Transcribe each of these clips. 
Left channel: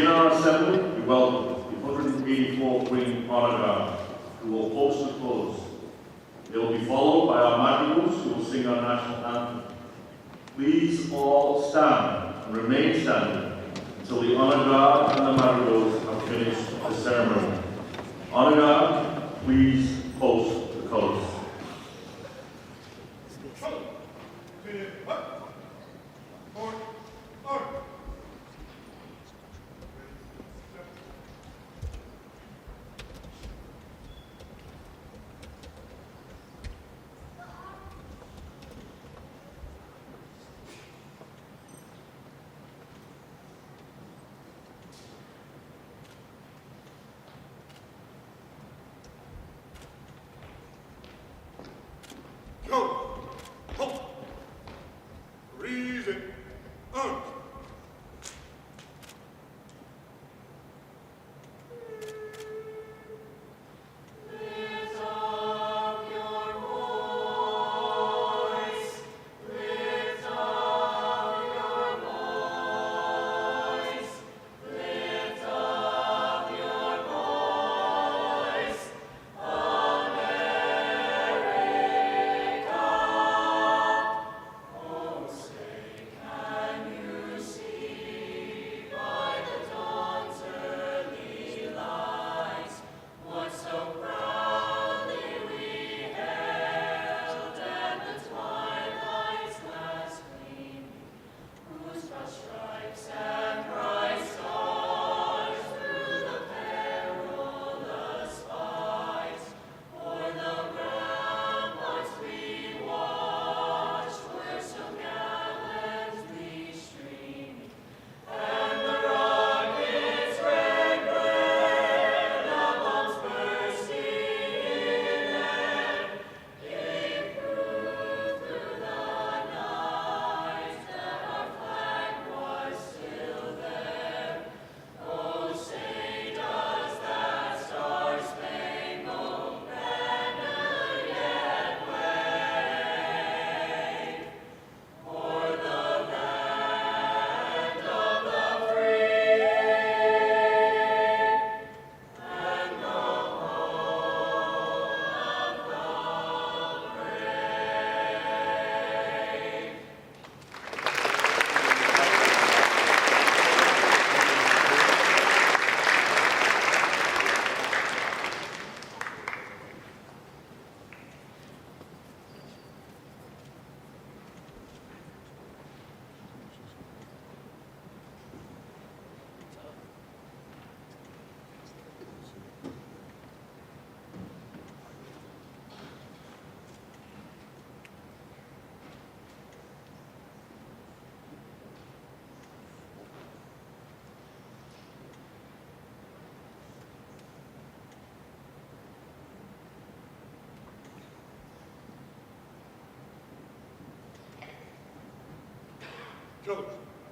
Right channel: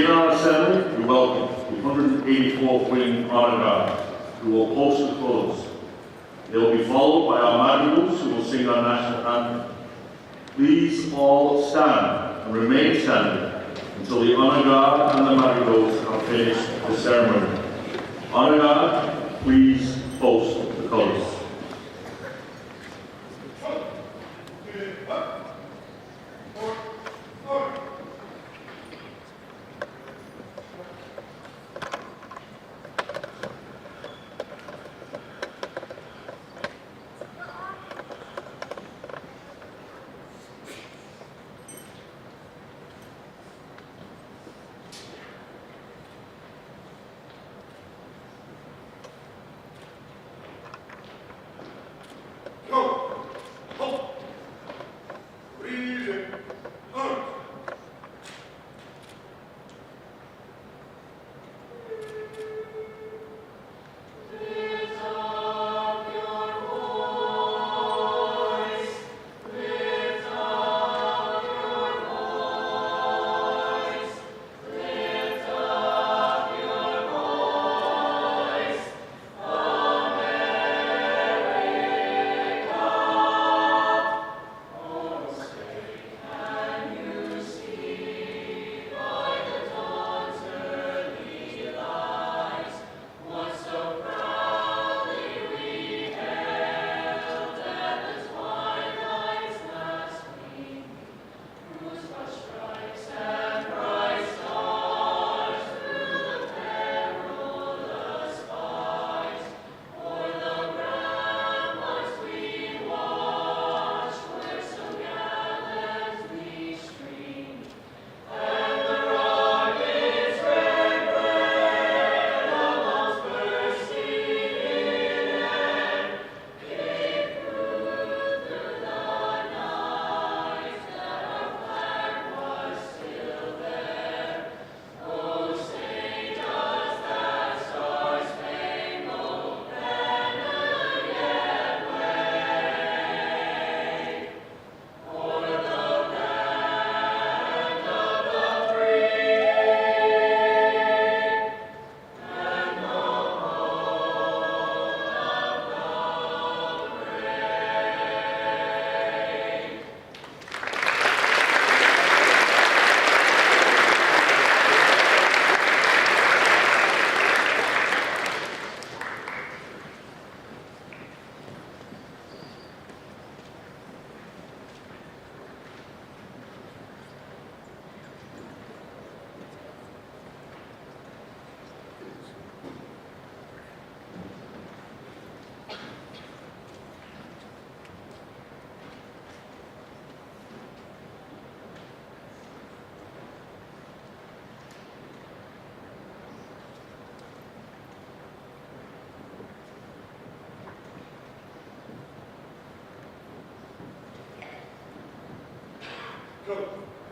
begin our assembly, we welcome the 184th Wing Honor Guard, who will post the colours. They will be followed by our madrigals, who will sing our national anthem. Please all stand and remain standing until the Honor Guard and the madrigals have finished the ceremony. Honor Guard, please post the colours.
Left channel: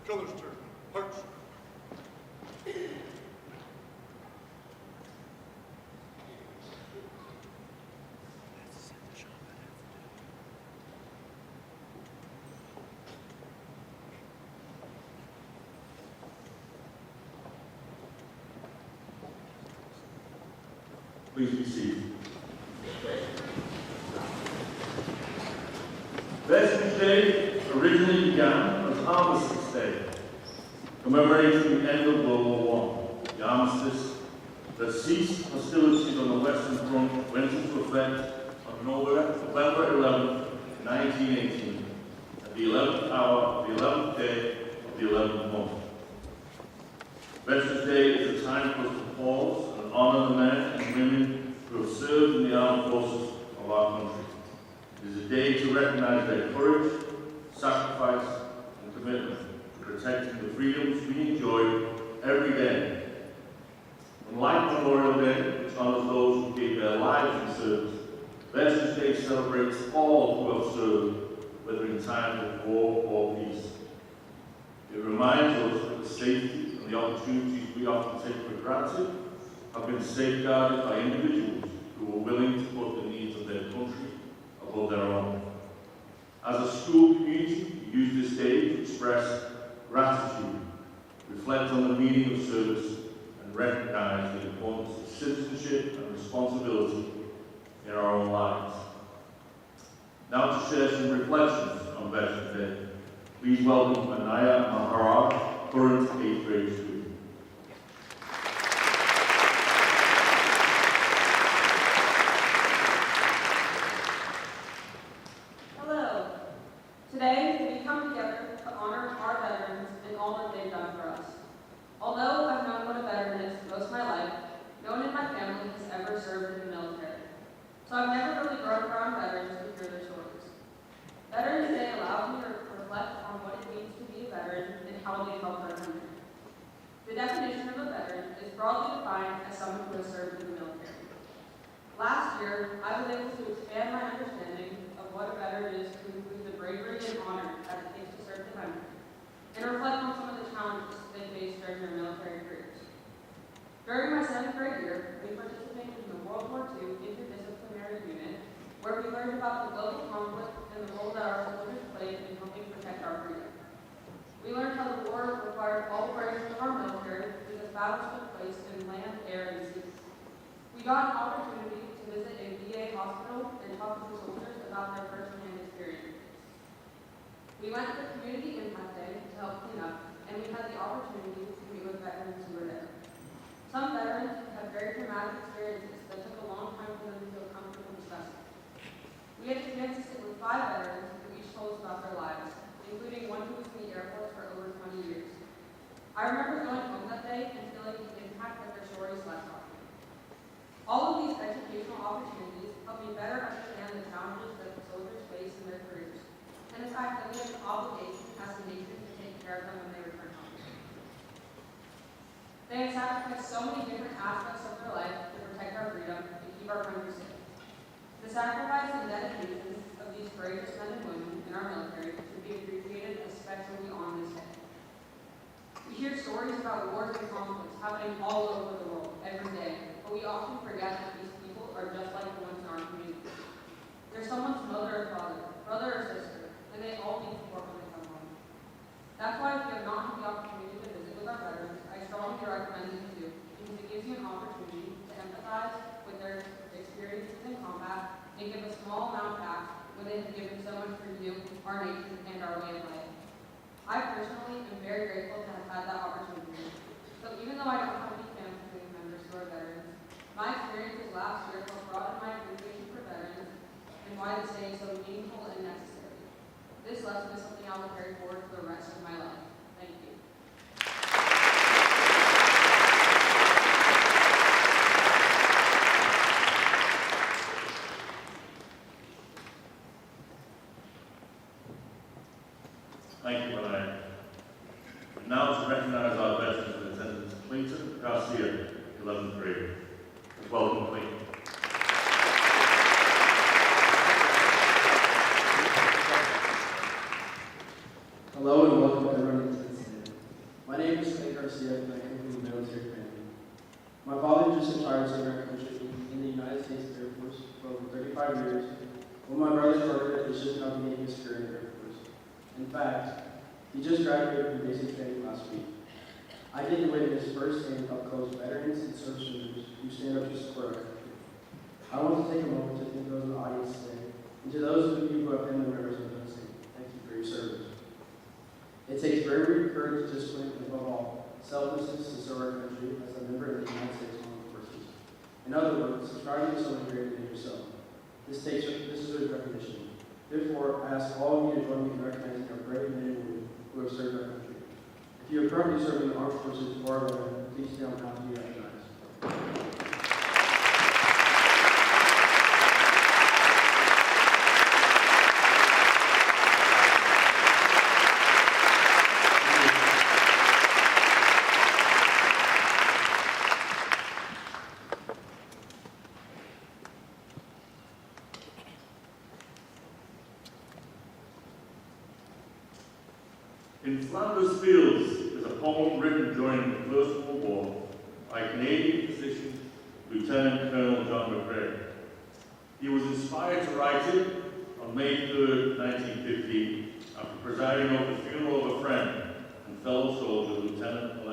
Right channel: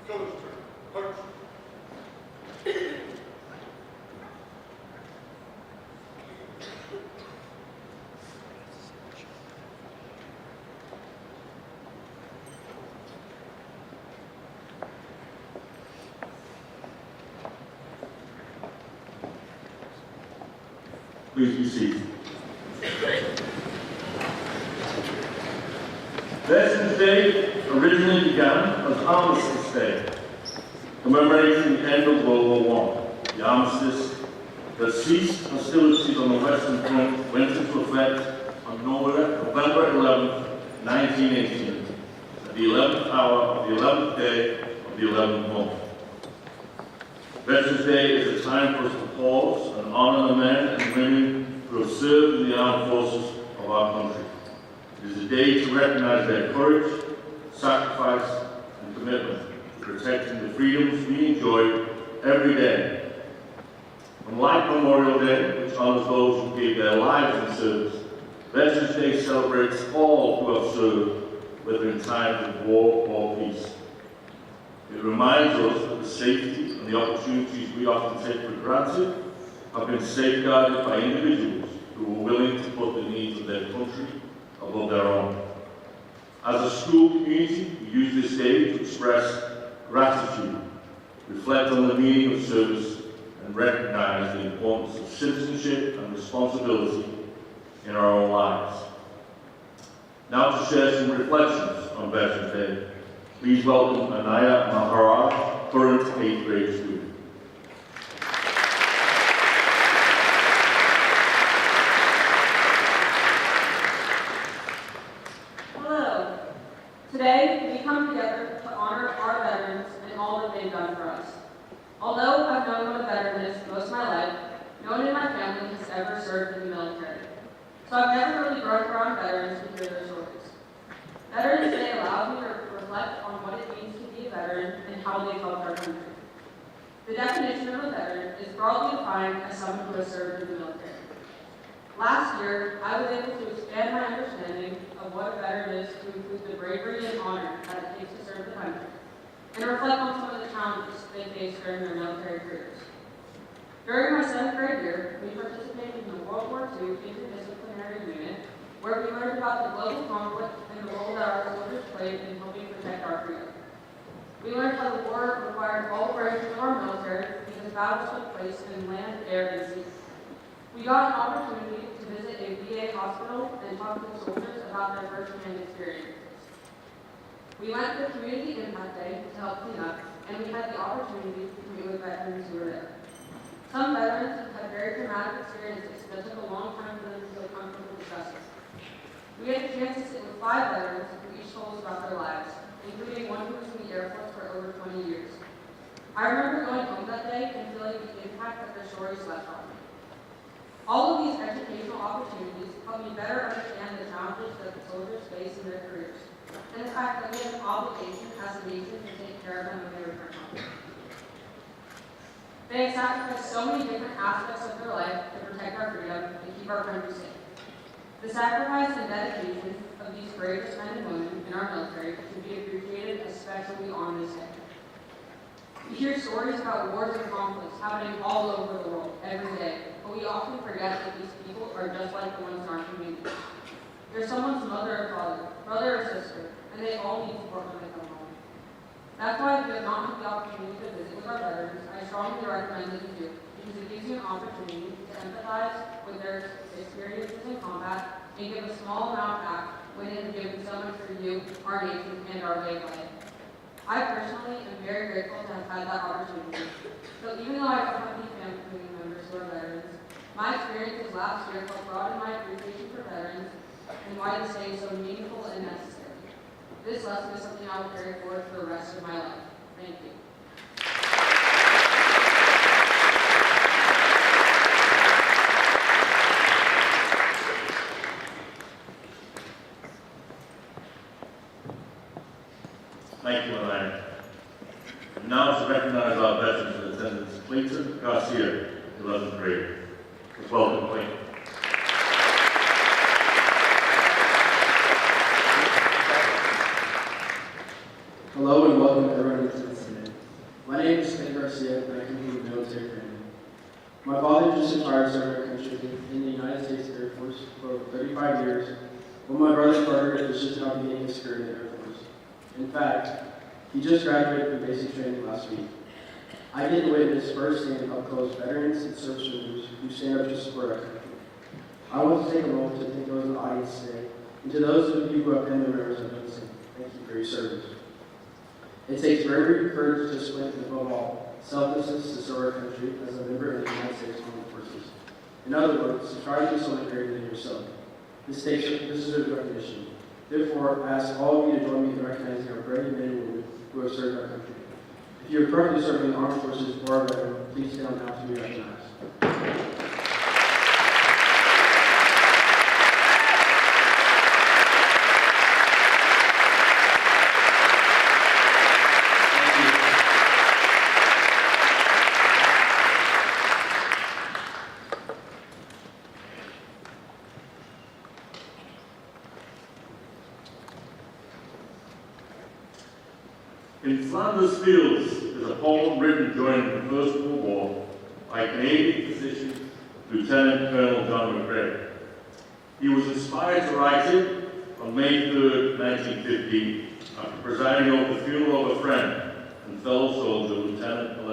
Colors turn. Hearts. Please be seated. Veterans Day originally began as Armistice Day, commemorating the end of World War I. The armistice that ceased hostilities on the Western Front went into effect on November 11, 1918, at the 11th hour of the 11th day of the 11th month. Veterans Day is a time for us to pause and honour the men and women who have served in the armed forces of our country. It is a day to recognise their courage, sacrifice and commitment to protecting the freedoms we enjoy every day. Unlike Memorial Day, which honours those who gave their lives in service, Veterans Day celebrates all who have served, whether in times of war or peace. It reminds us that the safety and the opportunities we often take for granted have been safeguarded by individuals who were willing to put the needs of their country above their own. As a school community, we use this day to express gratitude reflect on the meaning of service, and recognize the importance of citizenship and responsibility in our own lives. Now to share some reflections on Veterans Day, please welcome Anaya Maharaj, current 8th grade student. Hello. Today, we come together to honor our veterans and all that they've done for us. Although I've known what a veteran is most of my life, no one in my family has ever served in the military. So I've never really grown around veterans to hear their stories. Veterans Day allows me to reflect on what it means to be a veteran and how they helped our country. The definition of a veteran is broadly defined as someone who has served in the military. Last year, I was able to expand my understanding of what a veteran is to include the bravery and honor that it takes to serve the country, and reflect on some of the challenges they faced during their military careers. During my 7th grade year, we participated in the World War II Interdisciplinary Unit, where we learned about the global conflict and the role that our soldiers played in helping protect our freedom. We learned how the war required all branches of our military because battles took place in land, air, and sea. We got an opportunity to visit a VA hospital and talk to the soldiers about their first-hand experiences. We went to the community impact day to help clean up, and we had the opportunity to meet with veterans who were there. Some veterans had very traumatic experiences that took a long time for them to feel comfortable discussing. We had a chance to sit with 5 veterans who each told us about their lives, including one who was in the Air Force for over 20 years. I remember going home that day and feeling the impact that their stories left on me. All of these educational opportunities help me better understand the challenges that the soldiers face in their careers, and the fact that we have an obligation as a nation to take care of them when they return home. They have sacrificed so many different aspects of their life to protect our freedom and keep our country safe. The sacrifice and dedication of these bravest men and women in our military should be appreciated, especially on this day. We hear stories about wars and conflicts happening all over the world every day, but we often forget that these people are just like the ones in our community. They're someone's mother or father, brother or sister, and they all need support when they come home. That's why if you have not had the opportunity to visit with our veterans, I strongly recommend that you do, because it gives you an opportunity to empathize with their experiences in combat and give a small amount back when it has given so much for you, our nation, and our way of life. I personally am very grateful to have had that opportunity. So even though I don't have any family members who are veterans, my experiences last year helped broaden my appreciation for veterans and why this day is so meaningful and necessary. This lesson is something I will carry forward for the rest of my life. Thank you. Thank you, Larry. Now to recognize our veterans in attendance, Clayton Garcia, 11th grade. Welcome, Clayton. Hello and welcome to everyone who's listening. My name is Clayton Garcia and I come from a military family. My father just retired serving our country in the United States Air Force for over 35 years, while my brother Carter is just now beginning his career in the Air Force. In fact, he just graduated from basic training last week. I get to witness firsthand up close veterans and service members who stand up to support our country. I want to take a moment to thank those in the audience today, and to those of you who have family members who have done the same. Thank you for your service. It takes bravery, courage, discipline, and above all, selflessness to serve our country as a member of the United States Armed Forces. In other words, to try to be someone greater than yourself. This deserves recognition. Therefore, I ask all of you to join me in recognizing our brave men and women who have served our country. If you are currently serving in the Armed Forces or are a veteran, please stand now to be recognized. In Flanders Fields is a poem written during the First World War by Canadian physician Lieutenant Colonel John McCrae. He was inspired to write it on May 3rd, 1915, after presiding over the funeral of a friend and fellow soldier, Lieutenant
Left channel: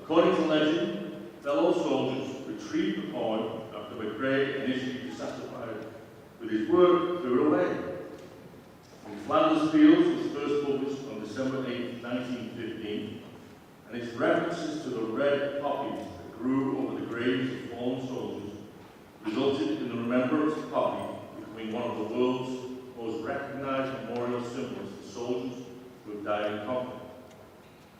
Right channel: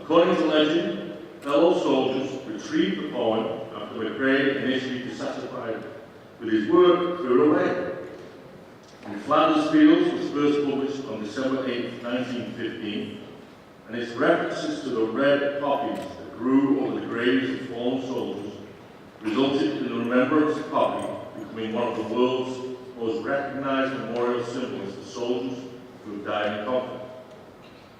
According to legend, fellow soldiers retrieved the poem after McRae initially dissatisfied with his work threw it away. In Flanders Fields was first published on December 8, 1915, and its references to the red poppies that grew over the graves of fallen soldiers resulted in the remembrance poppy becoming one of the world's most recognized memorial symbols for soldiers who have died in conflict.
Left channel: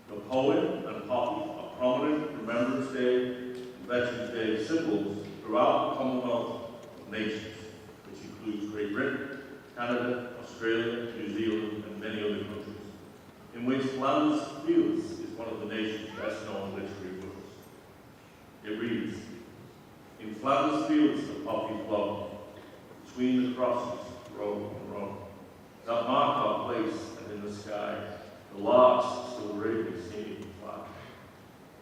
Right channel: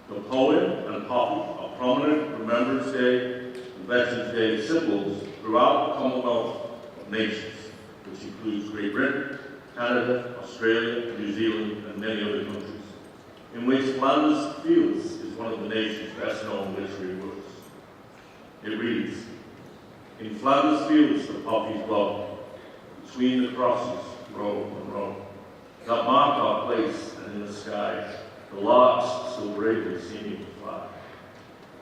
The poem and poppy are prominent Remembrance Day and Veterans Day symbols throughout the Commonwealth of Nations, which includes Great Britain, Canada, Australia, New Zealand, and many other countries, in which Flanders Fields is one of the nation's best-known literary works. It reads, "In Flanders Fields the poppies blow, between the crosses, row and row, that mark our place, and in the sky, the larks still bravely seeming to fly,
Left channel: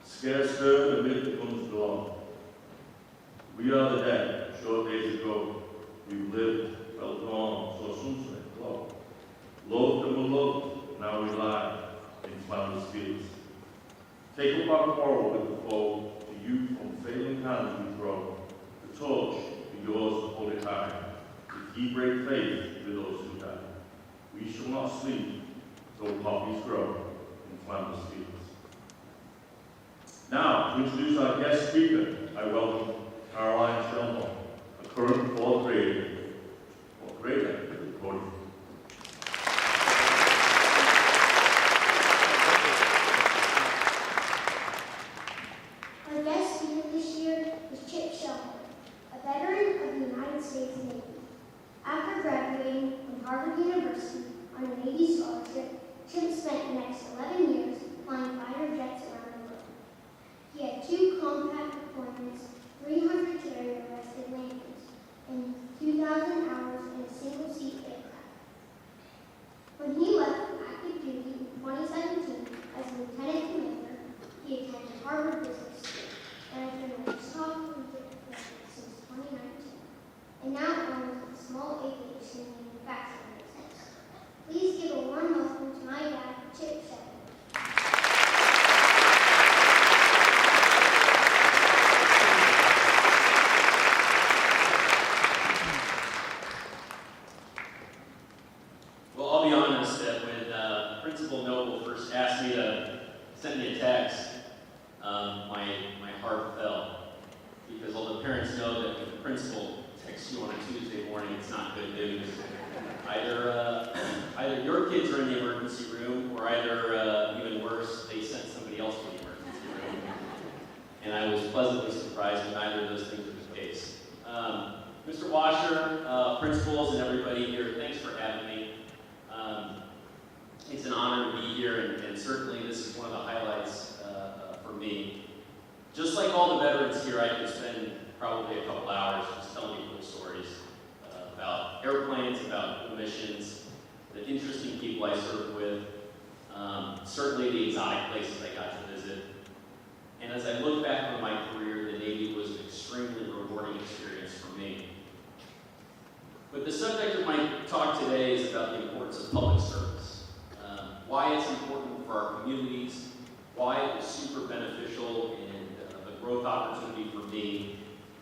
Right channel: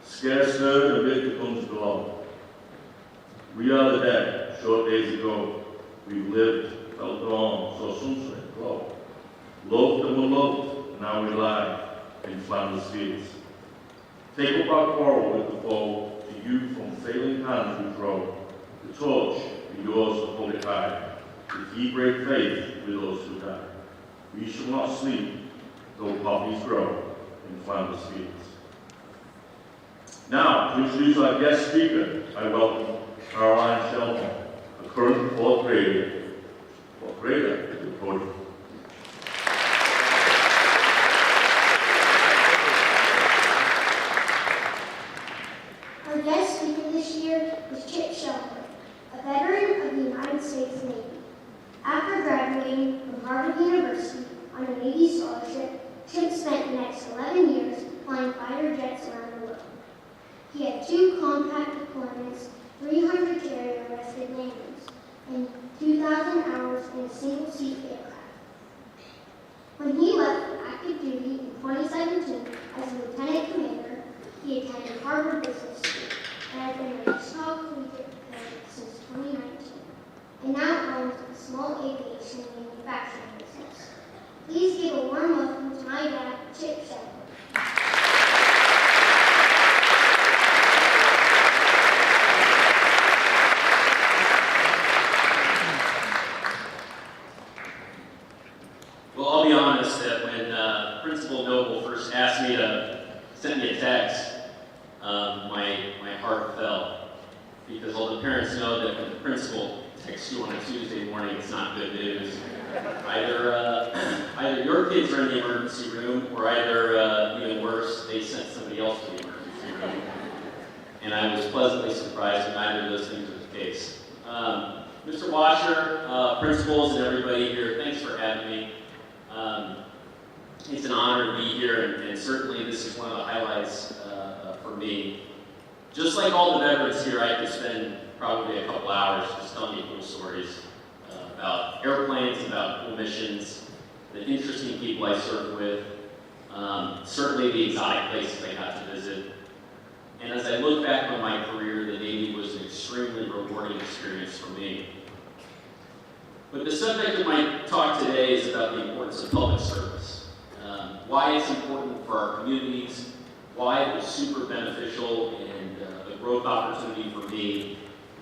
scarce heard amid the guns below. We are the dead, short days ago, we've lived, felt dawn, saw sunset glow, loved and were loved, now we lie in Flanders Fields. Take up our quarrel with the foe, to you from failing hands we throw, the torch be yours to hold it high, if ye break faith with those who die. We shall not sleep, though poppies grow in Flanders Fields." Now, to introduce our guest speaker, I welcome Caroline Shelton, a current fourth grader to the podium. Our guest speaker this year is Chip Shelton, a veteran of the United States Navy. After graduating from Harvard University on a Navy scholarship, Chip spent the next 11 years flying fighter jets around the world. He had 2 compact deployments, 300 carrier-arrested landings, and 2,000 hours in a single-seat aircraft. When he left for active duty in 2017 as a lieutenant commander, he attended Harvard Business School and has been a Wichita Collegiate Veteran since 2019, and now owns a small aviation manufacturing business. Please give a warm welcome to my dad, Chip Shelton. Well, I'll be honest that when Principal Noble first asked me to send me a text, my heart fell. Because all the parents know that when the principal texts you on a Tuesday morning, it's not good news. Either your kids are in the emergency room, or either, even worse, they sent somebody else to the emergency room. And I was pleasantly surprised that neither of those things were the case. Mr. Washer, principals, and everybody here, thanks for having me. It's an honor to be here, and certainly this is one of the highlights for me. Just like all the veterans here, I could spend probably a couple hours just telling you cool stories about airplanes, about cool missions, the interesting people I served with, certainly the exotic places I got to visit. And as I look back on my career, the Navy was an extremely rewarding experience for me. But the subject of my talk today is about the importance of public service. Why it's important for our communities, why it was super beneficial and the growth opportunity for me.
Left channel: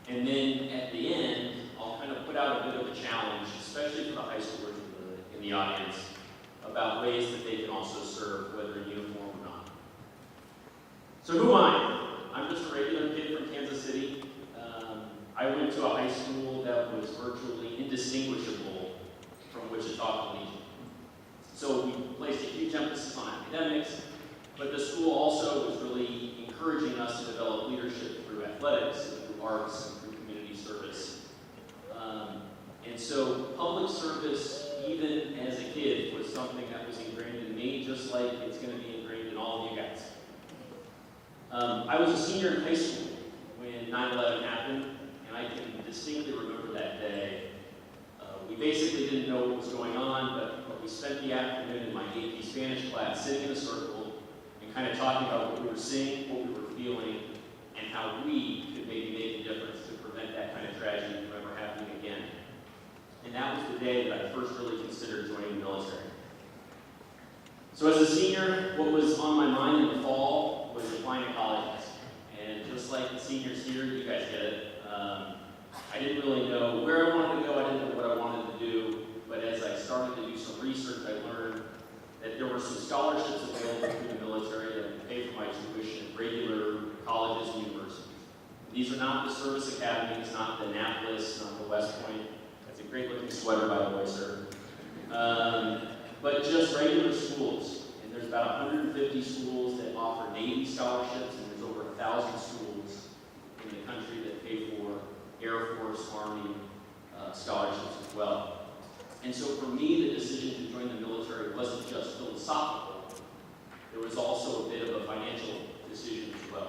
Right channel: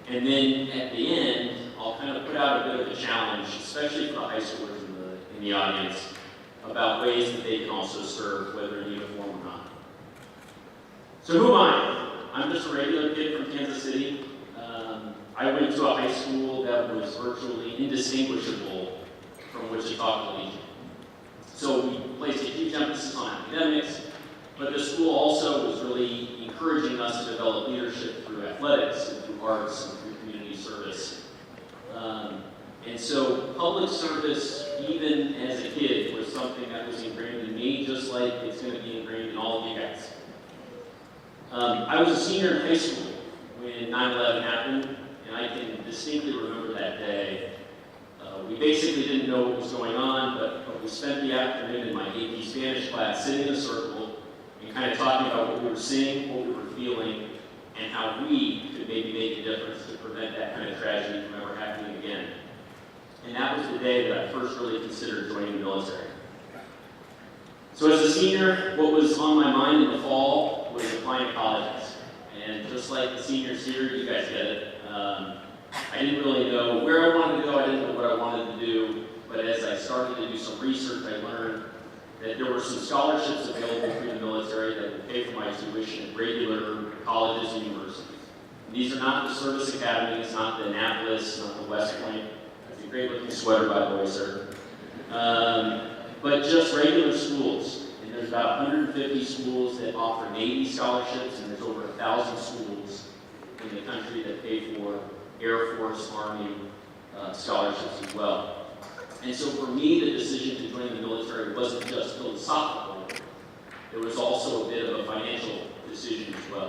And then at the end, I'll kind of put out a bit of a challenge, especially for the high schoolers in the audience, about ways that they can also serve, whether in uniform or not. So who am I? I'm just a regular kid from Kansas City. I went to a high school that was virtually indistinguishable from Wichita Collegiate. So we placed a huge emphasis on academics, but the school also was really encouraging us to develop leadership through athletics and through arts and through community service. And so public service, even as a kid, was something that was ingrained in me, just like it's going to be ingrained in all of you guys. I was a senior in high school when 9/11 happened, and I can distinctly remember that day. We basically didn't know what was going on, but we spent the afternoon in my AP Spanish class sitting in a circle and kind of talking about what we were seeing, what we were feeling, and how we could maybe make a difference to prevent that kind of tragedy from ever happening again. And that was the day that I first really considered joining the military. So as a senior, what was on my mind in the fall was applying to colleges. the seniors here, you guys get it. I didn't really know where I wanted to go, I didn't know what I wanted to do, but as I started to do some research, I learned that there were some scholarships available through the military that would pay for my tuition at regular colleges and universities. These are not the service academies, not the Annapolis, not the West Point. That's a great looking sweater, by the way, sir. But just regular schools. And there's about 150 schools that offer Navy scholarships, and there's over 1,000 schools in the country that pay for Air Force, Army scholarships as well. And so for me, the decision to join the military wasn't just philosophical. There was also a bit of a financial decision as well.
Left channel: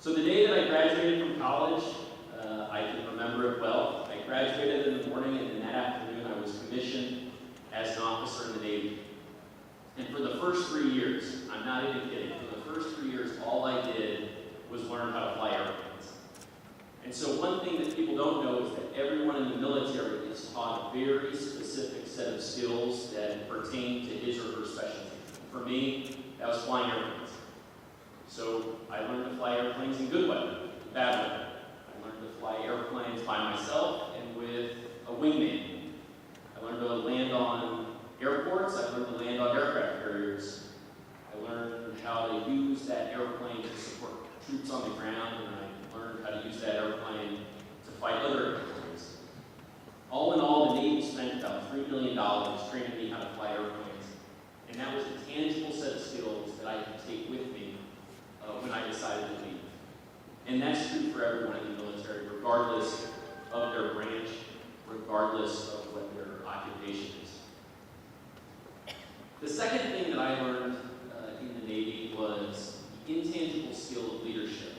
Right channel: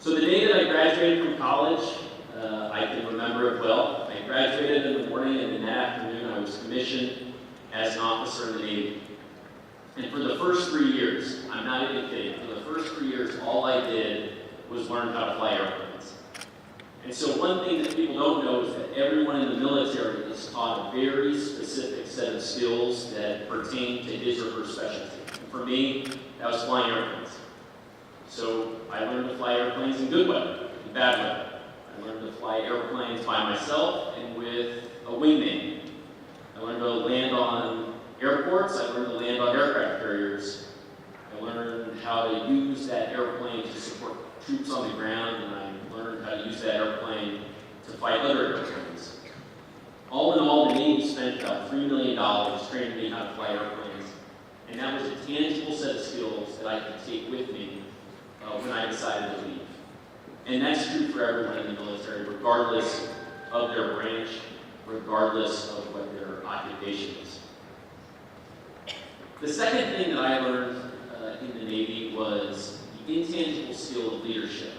So the day that I graduated from college, I can remember it well. I graduated in the morning, and in that afternoon I was commissioned as an officer in the Navy. And for the first 3 years, I'm not even kidding, for the first 3 years, all I did was learn how to fly airplanes. And so one thing that people don't know is that everyone in the military is taught a very specific set of skills that pertain to his or her specialty. And for me, that was flying airplanes. So I learned to fly airplanes in good weather, in bad weather. I learned to fly airplanes by myself and with a wingman. I learned to land on airports. I learned to land on aircraft carriers. I learned how to use that airplane to support troops on the ground, and I learned how to use that airplane to fight other airplanes. All in all, the Navy spent about $3 million training me how to fly airplanes, and that was a tangible set of skills that I could take with me when I decided to leave. And that's true for everyone in the military, regardless of their branch, regardless of what their occupation is. The second thing that I learned in the Navy was the intangible skill of leadership.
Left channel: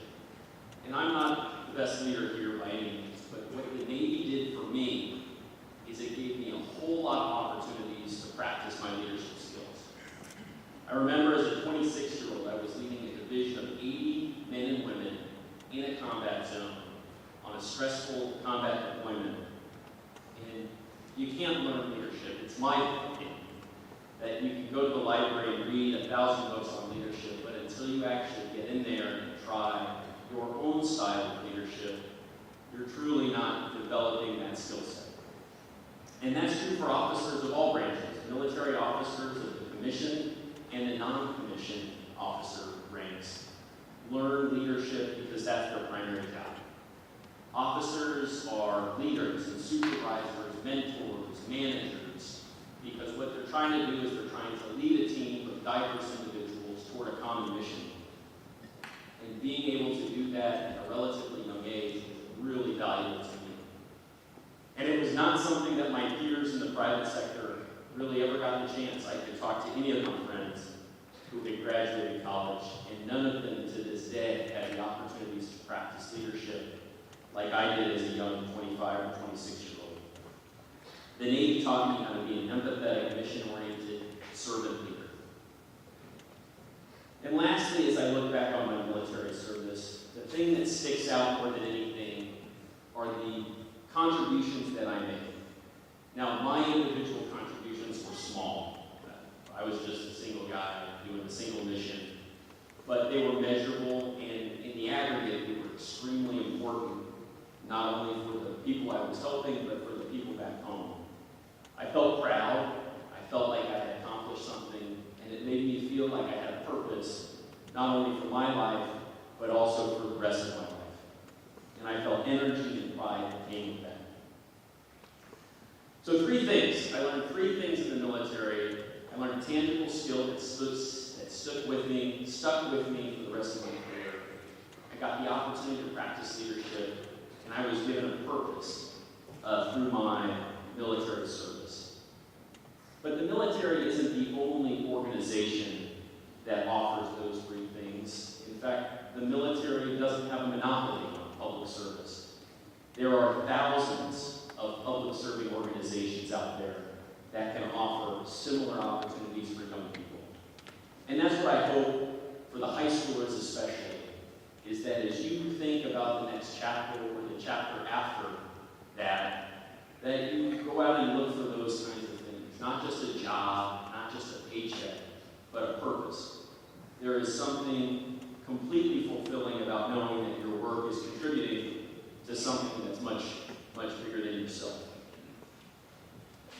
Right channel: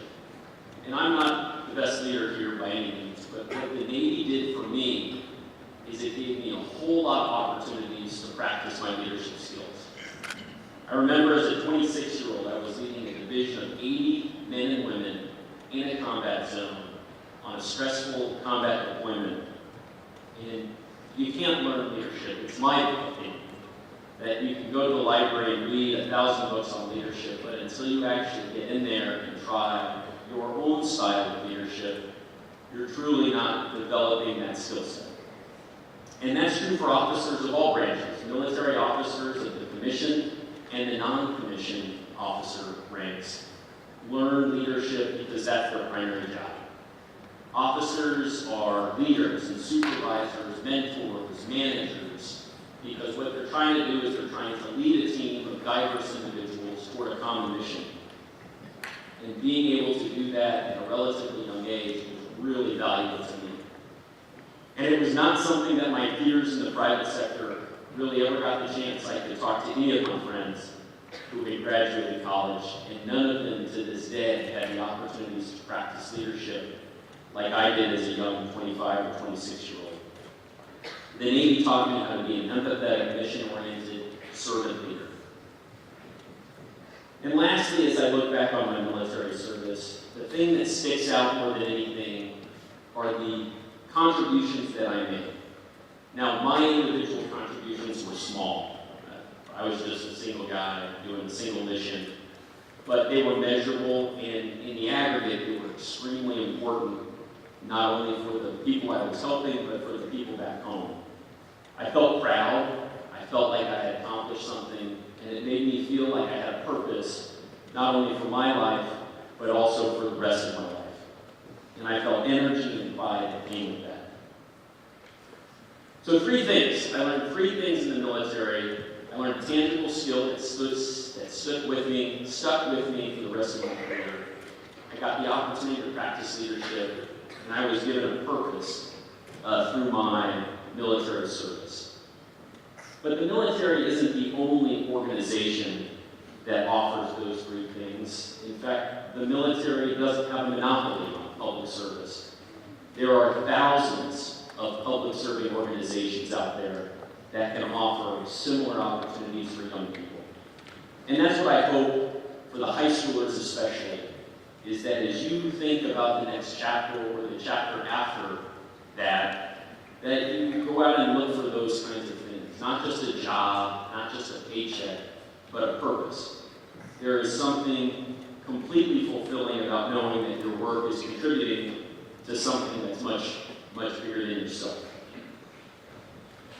And I'm not the best leader here by any means, but what the Navy did for me is it gave me a whole lot of opportunities to practice my leadership skills. I remember as a 26-year-old, I was leading a division of 80 men and women in a combat zone on a stressful combat deployment. And you can't learn leadership. It's my opinion that you can go to the library and read 1,000 books on leadership, but until you actually get in there and try your own style of leadership, you're truly not developing that skill set. And that's true for officers of all branches, military officers of the commissioned and the non-commissioned officer ranks. Learn leadership because that's their primary job. Officers are leaders and supervisors, mentors, managers, because what they're trying to do is they're trying to lead a team of diverse individuals toward a common mission. And being able to do that at a relatively young age was really valuable to me. And it was not something that my peers in the private sector really ever got the chance. I could talk to any of my friends who had graduated college, and none of them to this day had the opportunities to practice leadership like I did as a young 25 or 26-year-old. The Navy taught me how to be an empathetic, mission-oriented, servant leader. And lastly, as I look back on my military service, the thing that sticks out more than anything are the contributions that I made. Now, my individual contributions were small. I was just a single guy doing a single mission, but they were measurable, and in the aggregate, they were extremely important, not only for the people I was helping, but for the people back home. I felt proud. I felt like I had accomplished something, and it made me feel like I had a purpose, not only for my life, but also for the rest of my life. And I felt energy and pride that came with that. So 3 things. I learned 3 things in the military. I learned a tangible skill that stuck with me for the rest of my career. I got the opportunity to practice leadership, and I was given a purpose through my military service. But the military isn't the only organization that offers those 3 things. In fact, the military doesn't have a monopoly on public service. There are thousands of public serving organizations out there that can offer similar opportunities for young people. And that's what I hope for the high schoolers especially, is that as you think about the next chapter or the chapter after that you go out and look for those kinds of things. Not just a job, not just a paycheck, but a purpose. There is something completely fulfilling about knowing that your work is contributing to something that's much, much bigger than yourself.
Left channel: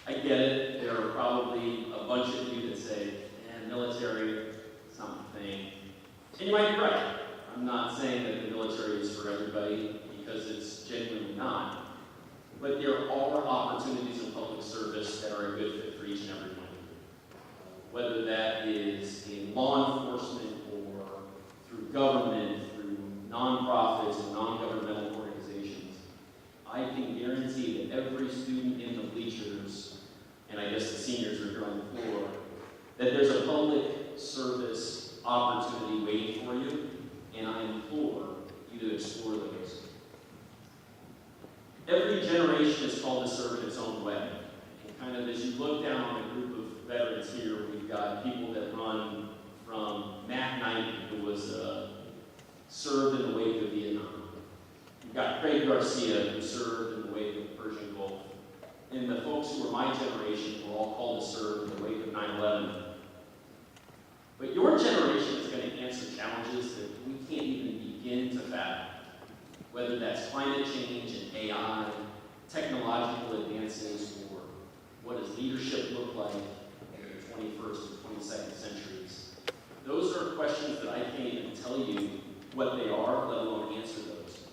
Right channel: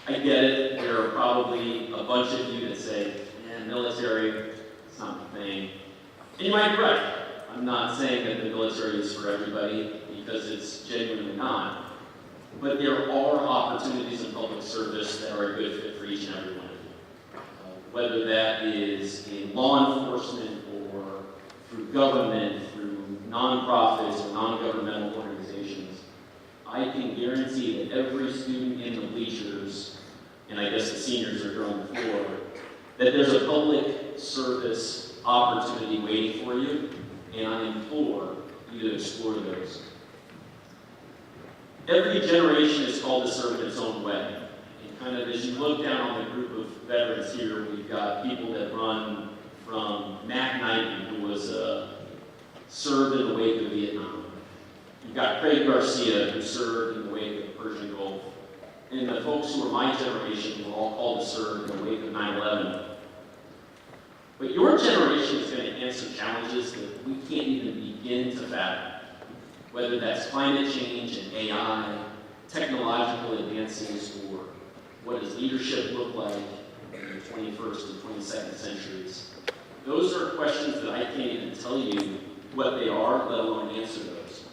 I get it. There are probably a bunch of you that say, "Man, military, it's not my thing." And you might be right. I'm not saying that the military is for everybody, because it's genuinely not. But there are opportunities in public service that are a good fit for each and every one of you. Whether that is in law enforcement or through government, through nonprofits or non-governmental organizations, I can guarantee that every student in the bleachers, and I guess the seniors are on the floor, that there's a public service opportunity waiting for you, and I implore you to explore those. Every generation is called to serve in its own way. And kind of as you look down on the group of veterans here, we've got people that run from Matt Knight, who was served in the wake of Vietnam. You've got Craig Garcia, who served in the wake of the Persian Gulf. And the folks who are my generation were all called to serve in the wake of 9/11. But your generation is going to answer challenges that we can't even begin to fathom. Whether that's climate change and AI, technological advances, or what does leadership look like in the 21st and 22nd centuries. Those are questions that I can't even tell you what they are, let alone answer those.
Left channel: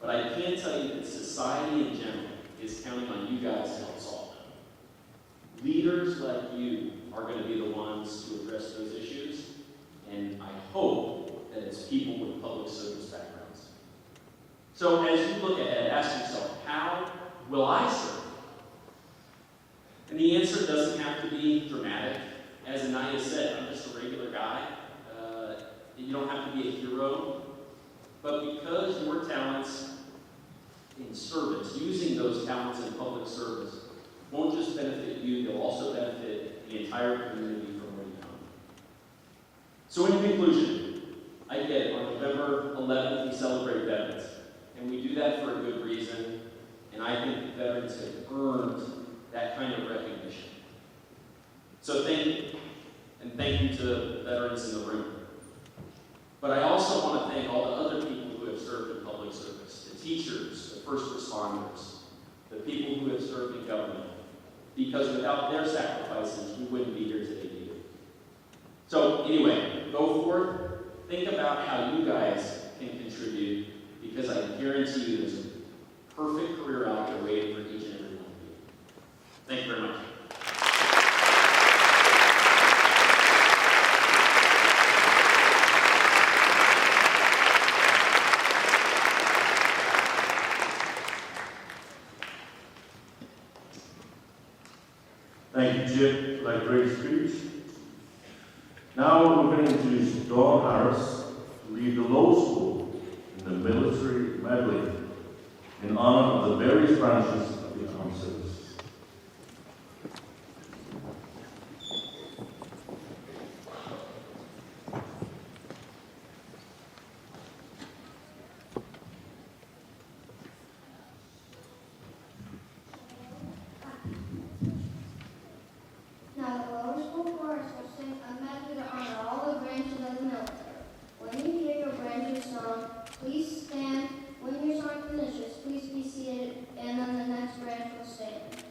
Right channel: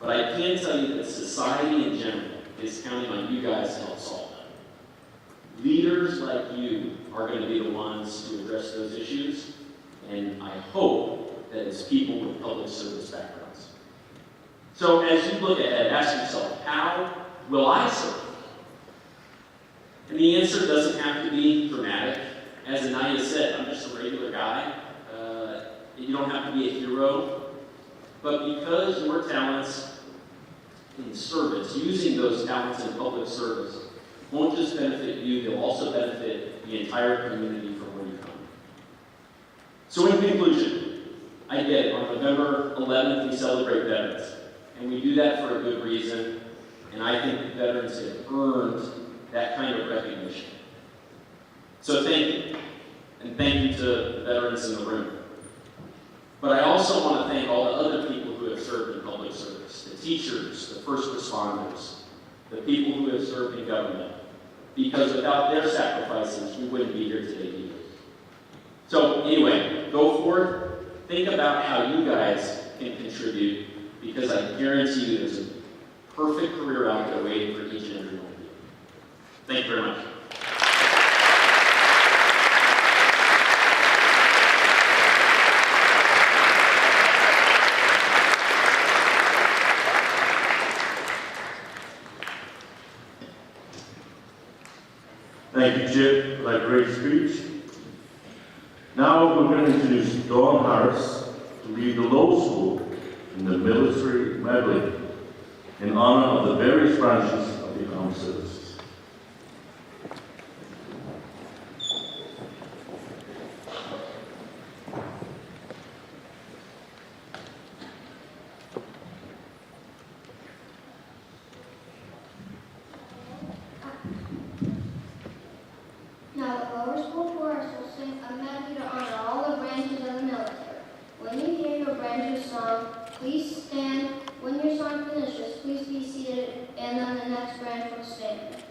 But I can tell you that society in general is counting on you guys to help solve them. Leaders like you are going to be the ones to address those issues, and I hope that it's people with public service backgrounds. So as you look ahead, ask yourself, how will I serve? And the answer doesn't have to be dramatic. As Anaya said, I'm just a regular guy. You don't have to be a hero. But because your talents in service, using those talents in public service, won't just benefit you, they'll also benefit the entire community from where you come. So in conclusion, I get it. On November 11th, we celebrate veterans. And we do that for a good reason, and I think the veterans have earned that kind of recognition. So thank you, and thank you to the veterans in the room. But I also want to thank all the other people who have served in public service, the teachers, the first responders, the people who have served in government, because without their sacrifices, we wouldn't be here today either. So anyway, go forward, think about how you guys can contribute, because I guarantee you there's a perfect career out there waiting for each and every one of you. Thank you very much. Thank you, Chip, for that great speech. Now we're going to introduce Dawn Harris to lead the low school in the military medley in honor of the various branches of the armed services. Now the lower school chorus will sing a medley to honor all the branches of the military. When you hear your branch's song, please stand. When your song finishes, please be seated, and then the next branch will stand.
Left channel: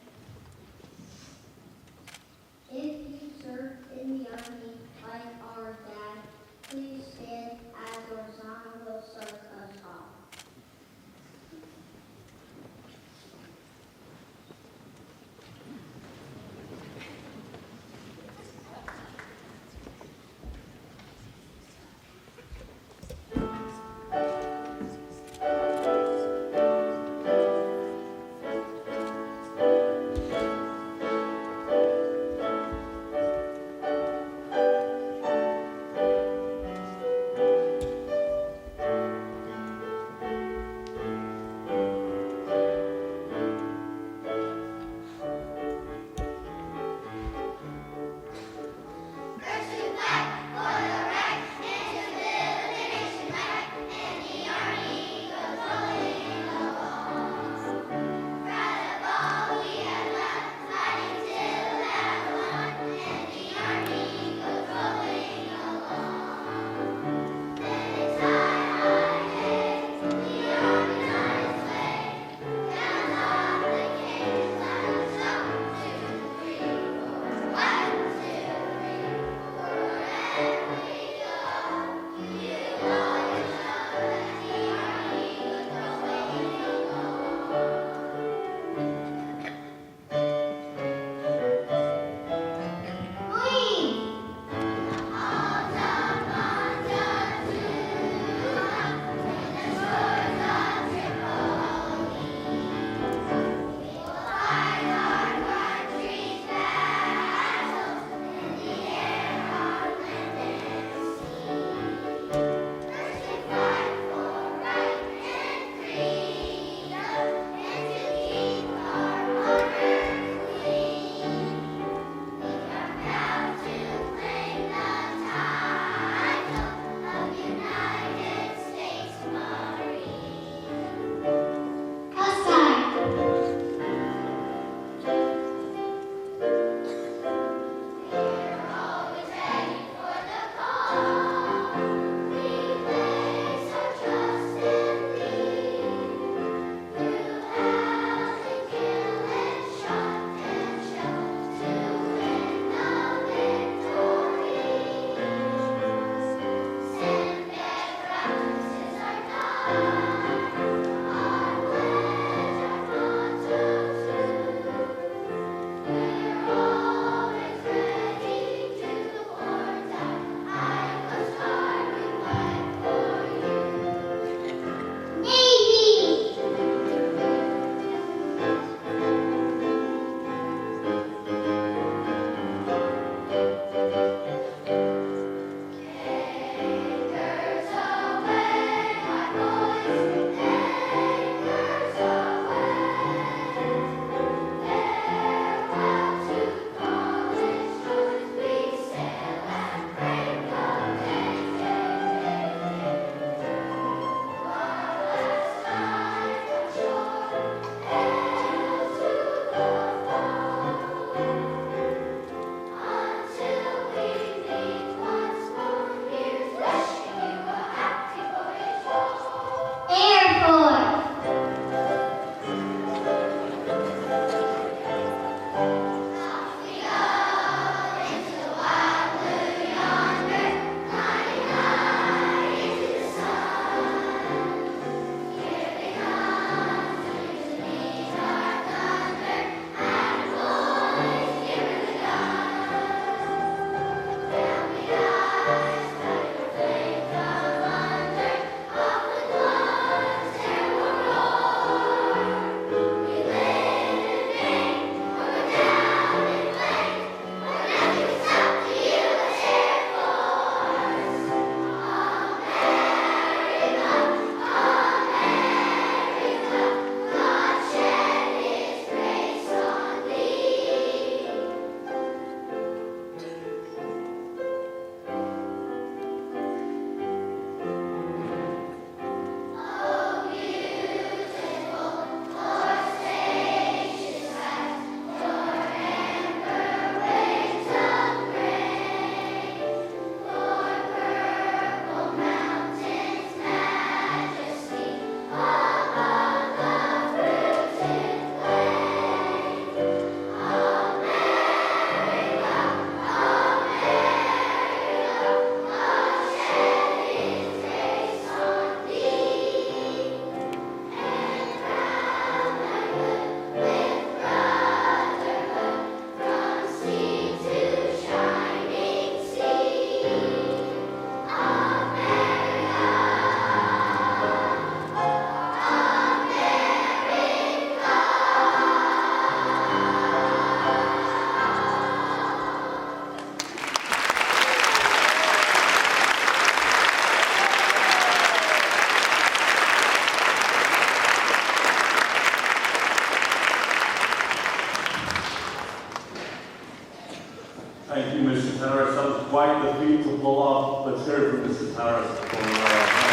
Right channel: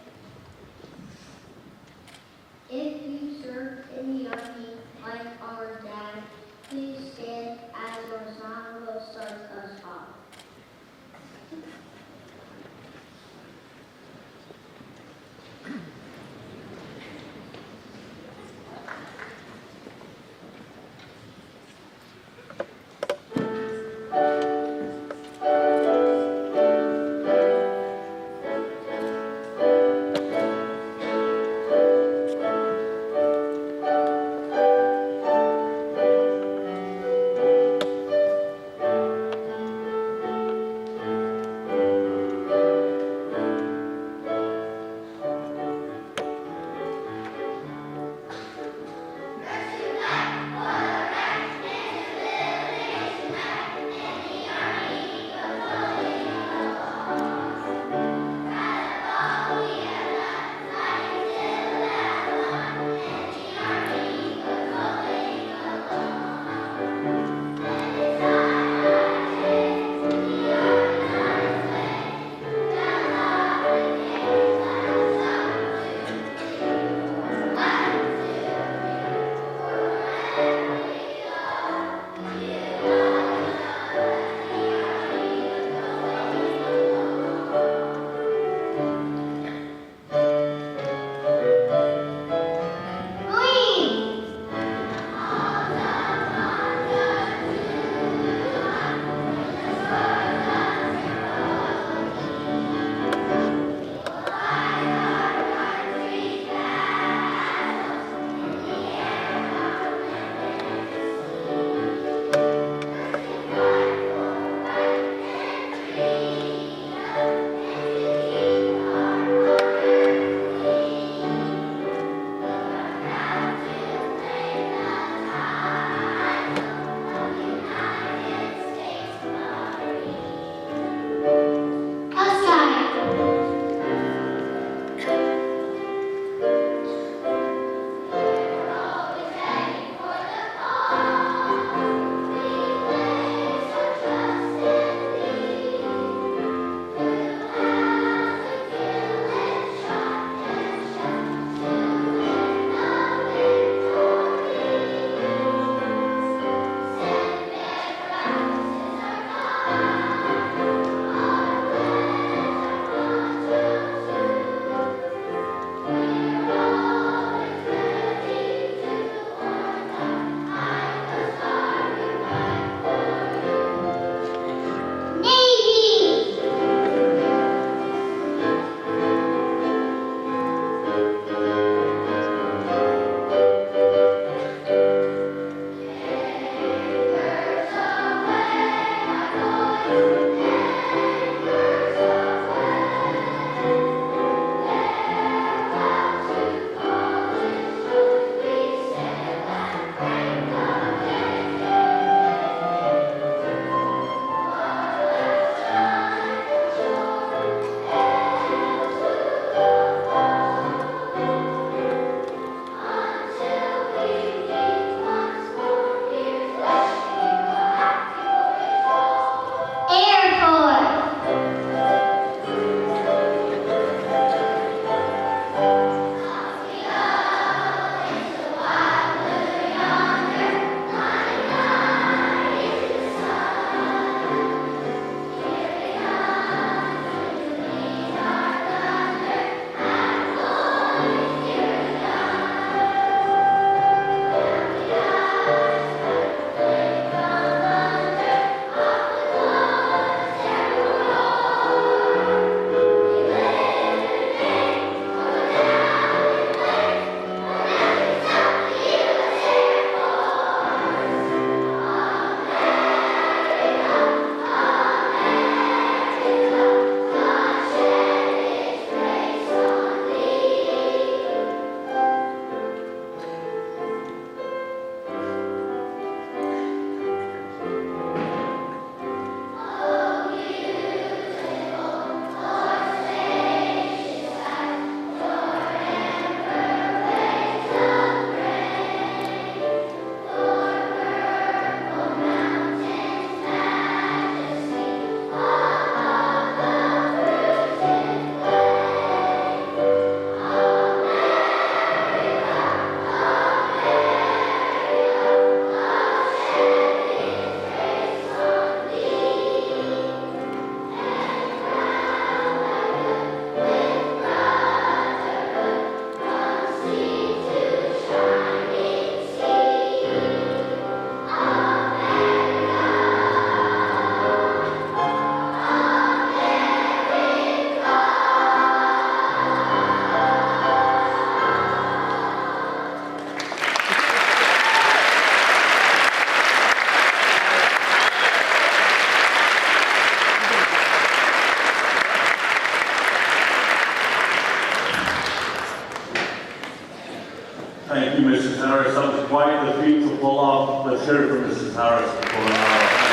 hear from Mrs. Harris before our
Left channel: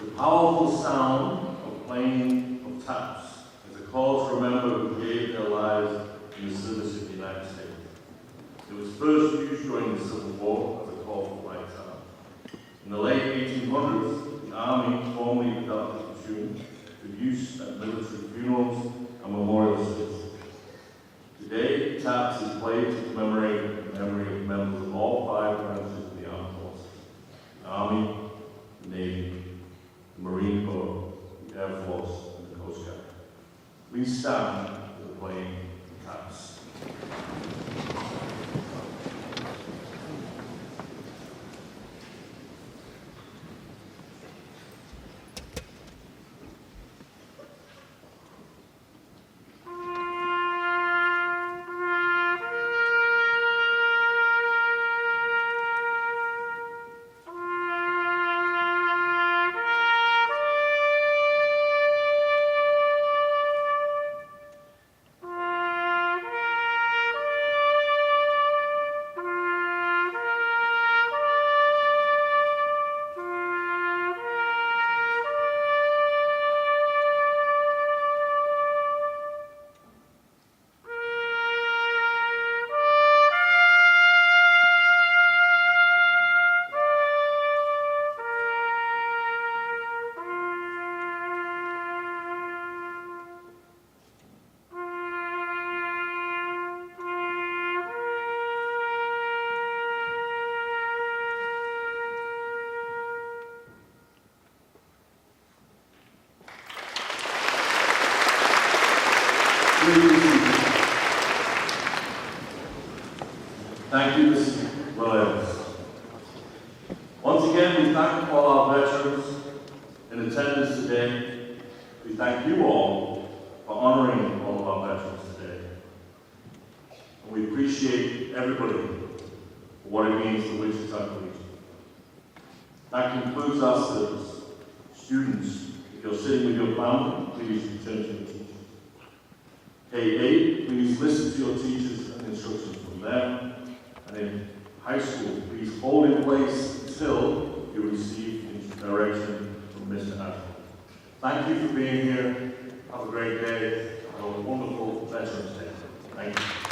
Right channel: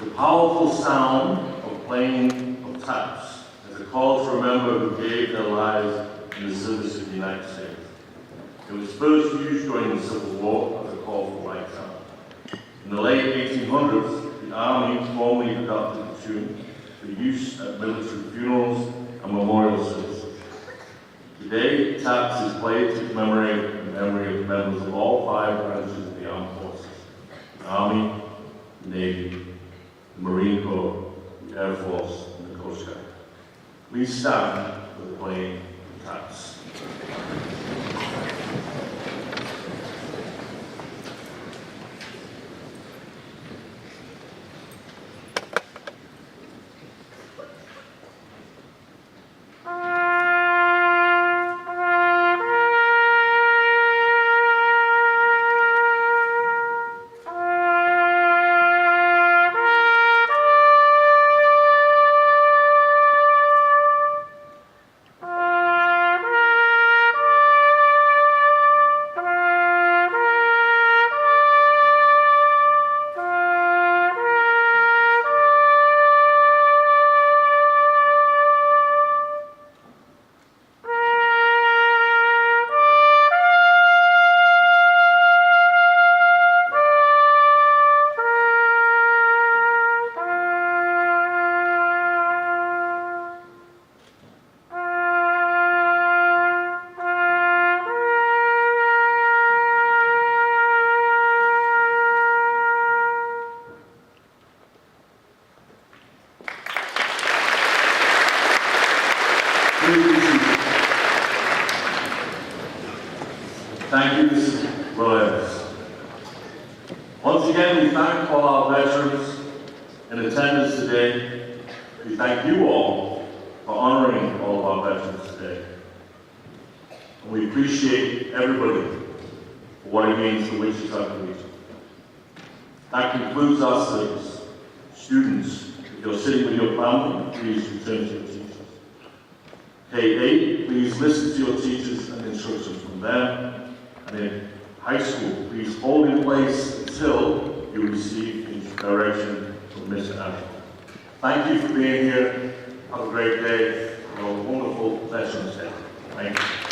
The powerful sound of playing of taps is a call to remember who gave their lives in the service of the United States. It was first used during the Civil War as a call for right sound. In the late 1800s, the Army formally adopted the tune for use at military funerals and memorial services. Today, taps is played to commemorate the memory of members of all 5 branches of the armed forces: the Army, the Navy, the Marine Corps, the Air Force, and the Coast Guard. Please stand for the playing of taps. Thank you, Mrs. Williams. Once again, we thank all our veterans in attendance today. We thank you all for honoring all of our veterans today. And we appreciate everybody for what it means to Wichita Collegiate. That concludes our service. Students, if you're sitting with your family, please return to your teachers. K-8, please listen to your teachers and instructions from them. And in high school, please hold in place until you receive direction from Ms. Ashton. Thank you for being here. Have a great day. Have a wonderful Veterans Day. Thank you.